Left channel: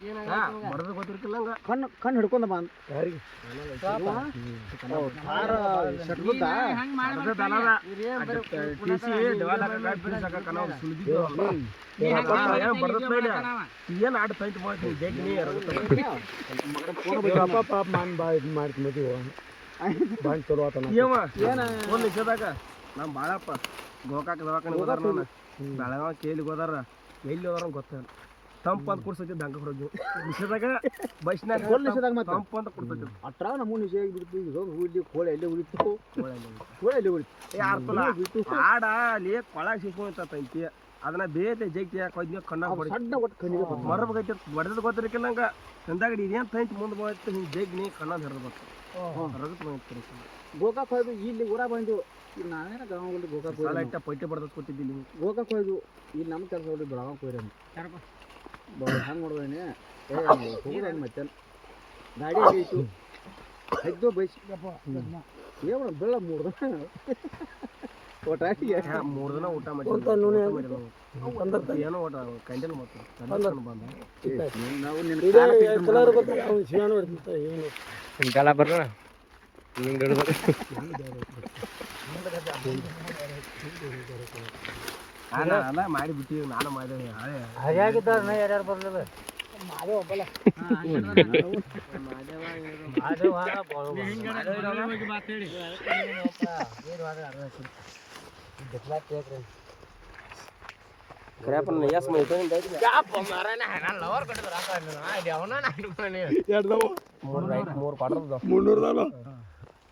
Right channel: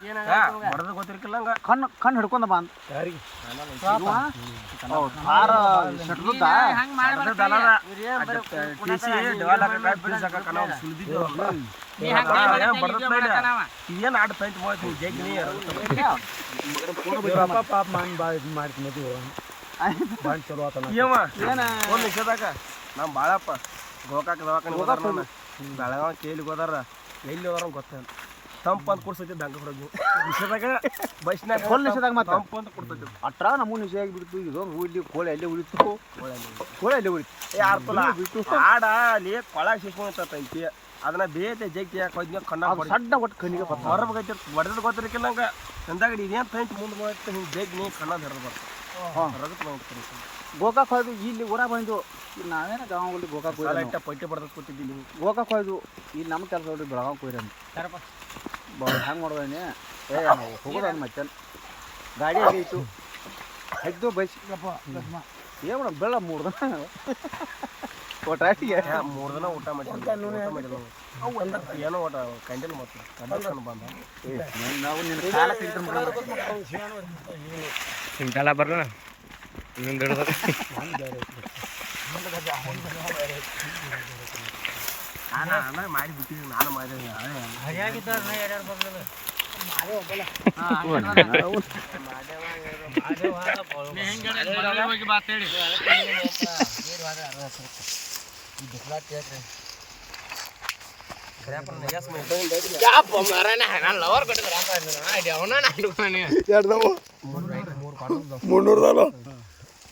ಬಡದ ಗೊತ್ತಿರ್ಕಿಲ್ಲ ಹಂಗ ಕಣ್ಣು ಹಿಡ್ಕೊಂಡ ಬಂದ ಯಾರಿಗೆ ಏನ್ ಆಡ್ತೈತಿ ಪಾಪ ಮಾಡ್ತಿ ಮದುವೆ ಬಾಳ್ ಚಲೋ ಆತನ ಒಂದ್ ನಿಮಿಷದಾಗ ನಮ್ ಬಾಳಪ್ಪ ಗೋಕಾಕ್ ದವಾಖಾನೆ ಹೋದಾರ ಬೆಳಗಾವ್ ಕೇಳಿ ಹೋದಾರ ಎಲ್ಲಿ ಹೋದಾರ ಗೊತ್ತಿಲ್ಲ ತಂಪ ಅಂತ ಕೊಡ್ಸೈತಿ ಬ್ಯಾಂಕ್ ಹೊರಗೆ ನಿಷೇಧಾಗ ಬಸ್ನಾಗ ನಿಷೇಧಾಗ ಮತ್ತೆ ತಂಪ ಅಂತ ಕೊಡ್ತೈತಿ ಅಟ್ರಾಗ ನಮೂನು ನಿಷೇಧ ಆಗಿಬಿಡ್ತು ಇದೊಂದು ಹೂಲಿ ಕೋಳಿ ಅಲ್ಲೇ ಉಳಿತು ಕೋಳಿ ಅಲ್ಲೇ ಉಳಿತು ಯಾರ್ತಲ್ಲ ಆಡ ಅಲ್ಲಿ ಕೊಳ ಸಿಸ್ಕೊಂತೈತಿ ಅದನ್ನ ಬೇತೆ ಜಗ್ತಿ ಕೊದ್ನ ಕಣ್ಣ ಸಣ್ಣ ಒಟ್ಟು ಕಣ್ಣಿಗೆ ಹೊರಬೇಕೈತಿ ಬಡದ ಗೊತ್ತಿರಕಿಲ್ಲ ಹಂಗ ಚಂದಾಗ ಇದೇನು ತೈತಿ ಮುಂದೆ ಬಂತು ಹಿಂಗೆ ಬೇಗ ನೀ ಕಣ್ಣ ಹೆರದ ಬರ್ತಾವ ರಗತ್ ಬಂದ್ರಿ ಗೋಕಾಕ್ ಹೋಯ್ದು ಇಲ್ಲಿ ಊರಾಗ ಬಂದು ಇಲ್ಲಿ ನಾವೇನ ಗಾಂವಲ್ಲಿ ಗೋಕಾಕ್ ಹೋಯ್ತು ಪೈಟೆ ಬಡ್ದು ಕೂತಿದ್ದಿಲ್ಲ ಗೋಕಾಕ್ ಹೋಯ್ದು ಇಲ್ಲಿ ನಮ್ಮ ಕೆಲಸ ಹೊಡಿ ಬೆಳಗಾವ್ ಹೋಯ್ರಿ ಹೆಂಗೆ ನೋಡ್ದೇನೆ ಏ ಹೋಗೋದ ಮತ್ತೆ ಗಾಡಿ ಅಲ್ಲಿ ಇತ್ತು ಹೆಗ್ದು ಬೈಸಿಗಪ್ಪ ಏನು ಮೇಡಮ್ ಬೆಳ 3 ದಿನ ಒಟ್ಟಾಟಿಗೆ 3 ದಿನ ಊಟ ಮಾಡಿ ಏನೋ ಊಟ ಕಂಡಲ್ ಮತ್ತೆ ಕಂಡಲ್ ಬಂದ ನಾವು ನಿನ್ನ ಕಾಲ ಇಂತಲ್ಲ ಬರೋಣ ಇನ್ನೊಂದು ಹಿಡಿದ್ರೆ ಮಾಡಿಬಿಟ್ಟಿ ನಾನು ಮಾಡಿದೆ ಯಾರ್ಯಾರು ಬರಲಿಲ್ಲ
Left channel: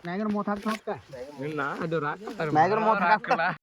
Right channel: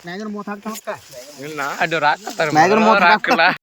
ಮ್ಯಾಗನ 30 ಹಾಕ್ತಾ ಇಲ್ಲ ಅದು ರಾಕ್